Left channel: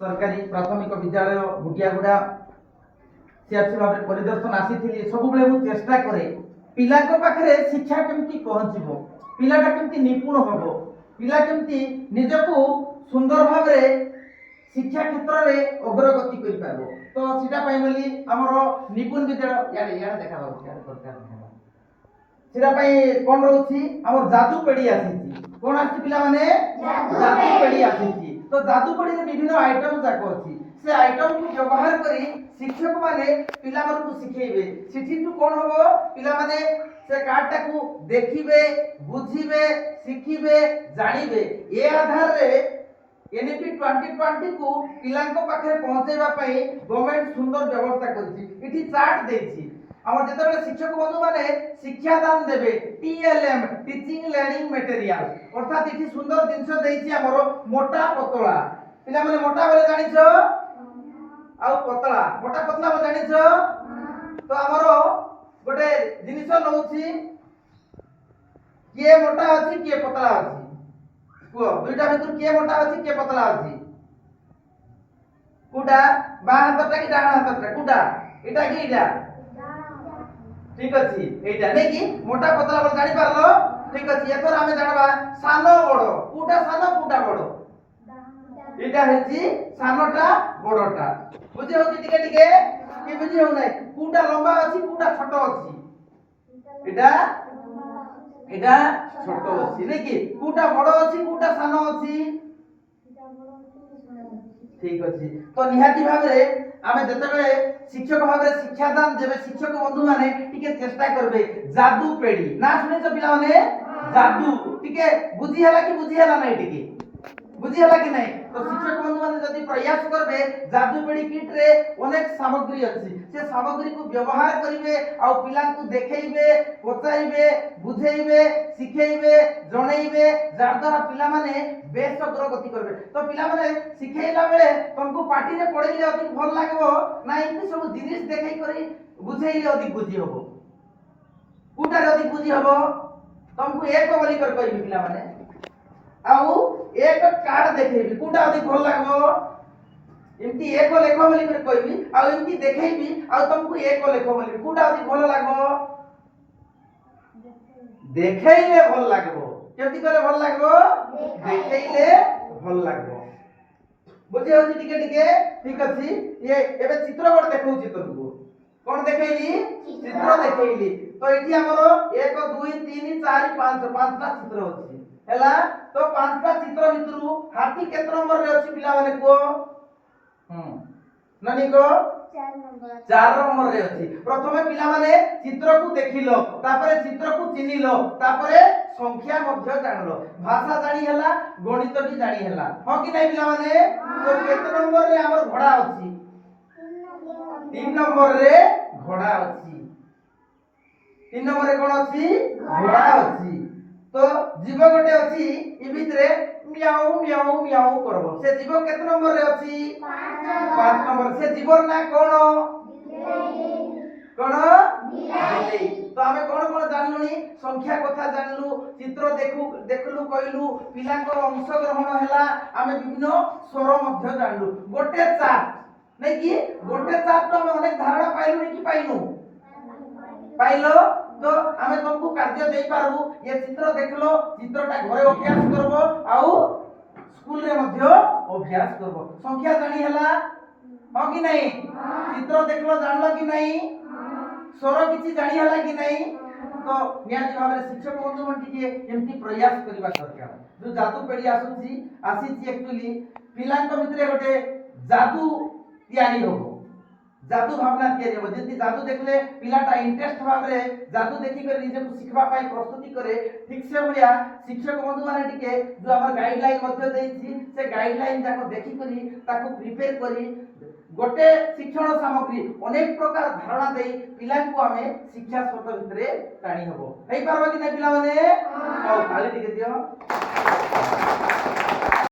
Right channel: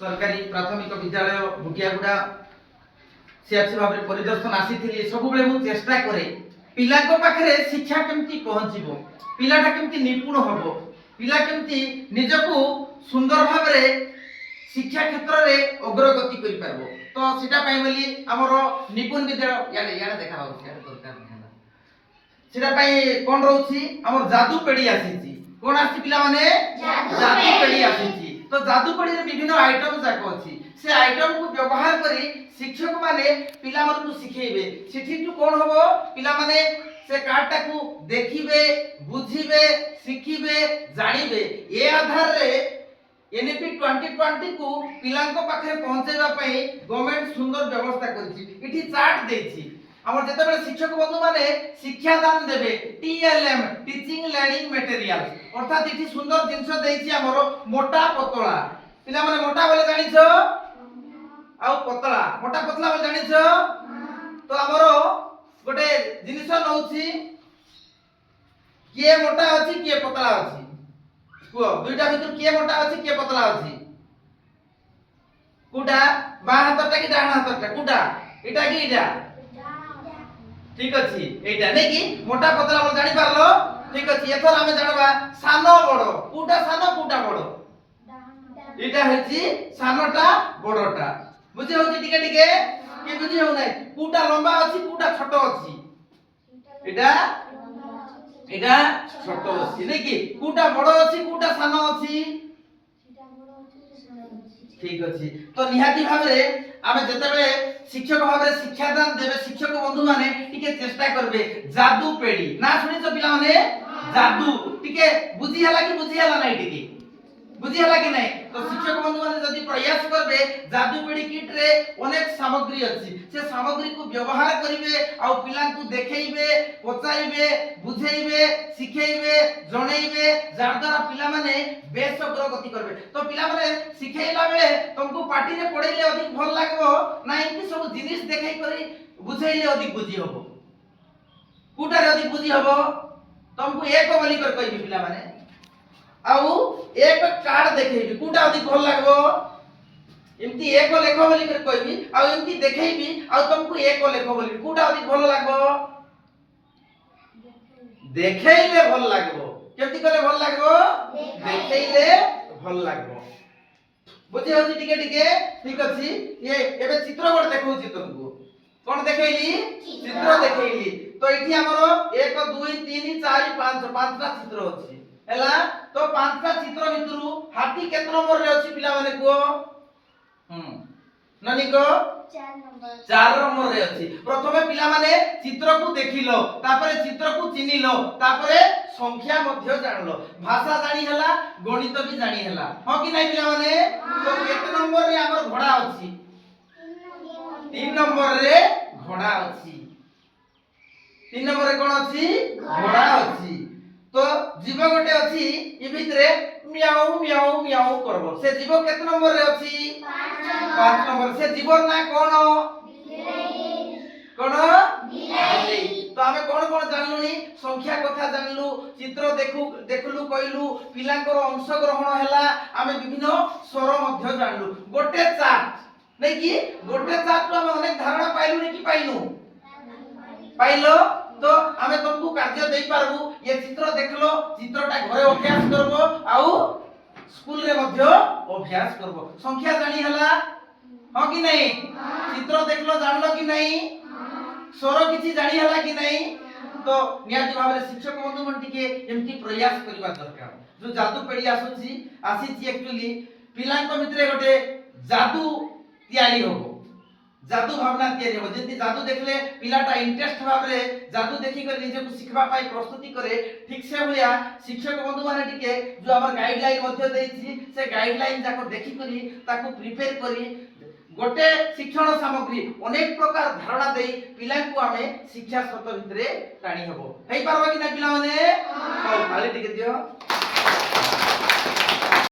सरकारी प्राथमिक विद्यालय भुटियागुड़ा सीआरसी भाव में परिदर्शन आसी सब मु चेष्टा करे पिला पाखे शिक्षा केमती पहुँचब पिलाटा केमती निपुण हम पिला केमती निजको सुंदर भाव शिक्षा क्षेत्र में अग्रगति कर पारबो तो सीटा पाई बोली हमर निपुण विद्यालय याडे याडे देखा हो याडे दरकार सीटा पाई कोन रहउछि हमर जादू पेड़ी आसीछि कोन आसी पिला माने जादू पेड़ी आसीछि तो जादू पेड़ी रे विभिन्न आइटम जाक अछि से आइटम को व्यवहार करी शिक्षक माने पिला मन को सिखेबे सिठी तू कोन होबो पिला माने से कार्डटा को देखिबे बुझिबे सिखिबे जानिबे ए आधार रे एनईपी 2020 को पिलांको पाखे पहुंचेबा पई गवर्नमेंट सुंदर व्यवस्था करछि इठी चार्ट देछि हमर जेतेबे शिक्षक बंधु माने शिक्षा दान देबे टीएलएम टीचिंग लर्निंग मटेरियल अर्थात इठी सुंदर जिंस देछि हमर मोटा पतला पिला माने मोटा बोले जानिछो आ पतला मोटा पतला बोले जानिछो तो हमर गोटे जिनिस नउछि किए मोटा अछि किए पतला अछि को दुईटा भितर किए मोटा अछि किए पतला अछि कुडा बा हातटा कि डाहाण हातटा कुडा एटा कि एटा ठीक अछि एटा नै कि मोटा पतला बोल जानि पारलो ठीक अछि एथर हमें जानबा सानो बडो कुडा सानो कुडा बडो एटा हेछि सानोटा बडोटा बुझि होछि टिके टिके कि बुझि हो नै कुडा लंबा अछि कुडा छोटो अछि एटा एटा छोटो अछि नै कि कुडा बडो अछि कुडा सानो अछि ठीक अछि तो निहाती भाबरे आमे जतबे शिक्षक भाबरे शिक्षा दान देबे शिक्षक बंधु माने टिके चेष्टा करबे जादू पेड़ी ना सुनि तो पिला माने जादू टिके बुझी हला कि बुझी हला नै टिके बुझी हला कि नै तो शिक्षक बंधु माने जदी प्रयास करबे जादू पेड़ी किट रे अनेक सामग्री अछि से सामग्री को व्यवहार करिवे आ पिला को देखैबे पचाइबे बुझैबे सिखैबे जणैबे जार द्वारा पिला माने बेस अग्रगति करबे तो पिला माने सिखैला बेले तुमको पार्टी रे पढैले अधिक भल लागबो ना इति सब जिनिस देखै करी बुझैले अधिक बुझी हबो कुटा रे अधिक बुझी हबो तुमको एक बोली कर कहबी पिला माने आउ एक कार्ड देखैबी कुटा अधिक भल लागबो एमती एक लेखो बोली कर कहबी आ एमती देखैबी आ तुमको एक लेखो बोली कुटा अधिक भल लागबो देखैले भल लागबो केमती करे भल लागबो देखैले भल लागबो बुझे होची टिके टिके ठीक अछि ये एबे चित्र गोट देखौची तुमको कोन देखैली चित्र देखैली तो एठी हमरो 1 2 3 4 5 पांचटा चित्र अछि हैला तो पांचटा चित्र भितरु हाथी केत नंबर रे अछि पिला माने को ननी को 4 नंबर रे अछि प्रथमे पिला माने चित्र को देखिलो तापरे चित्र को चिनिलो तापरे संख्या मध्य जानलो भाषा जानि हला गणित भी जानि हला हो कि नै पिला माने तो केत नंबर रे हमर घोड़ा अछि 3 नंबर रे घोड़ा अछि 3 नंबर रे कोन अछि घोड़ा अछि तो जीव गोटे अछि इ भितरे म्याऊ म्याऊ म्याऊ करबो से जीव केत नंबर रे अछि 5 नंबर से जीवर ना कोन कोन बिलाई तो हमें कोन कोन जानलुनी संख्या कथा जानलु चित्र देखलु कहलु पिलांकर अंश ग्रहण हला हमें विभिन्न स्वर मध्य जानलु गोटे चार्ट नै कि गोटे चार्ट तो हमें अनेक धारणा पाइलु नै कि पाइनु पाइलो तो हमें तुमको कार्य देई पारबु ये चित्र देखलो चित्रटा घरे अभ्यास करबो आउ स्कूल रे मध्य अभ्यास करबो संख्या जानि हला हो कि नै चित्र देखलो जानलो कि नै स्वर किछि जानि हला कि नै तो नियाति भाबरे शिक्षक बंधु मन टिके एमती प्रयास करबा दरकार जो जादू पेड़ी आसीछि एक्चुअली पिलांक भितरे गोटे जादू तयारी होबो जादू भावना तयारी होबो जेति जादू देखले पिलाटा इंटरेस्ट भाबरे जादू देखि कर निजे को सिखबा पाई प्रस्तुति करे ठीक से भलिया शिक्षक बंधु माने टिके जो हमर गाइडलाइन मध्य देछि से गाइडलाइन जाको देखि करी ताको प्रिपेयर करी गोटे शिक्षण सामग्री अनेक प्रकार धारणा देई पिला को हमें शिक्षा स्रोत भितरे टाणी हबो हेई पारबो कि नै पिला माने हां खाली टिके दियो।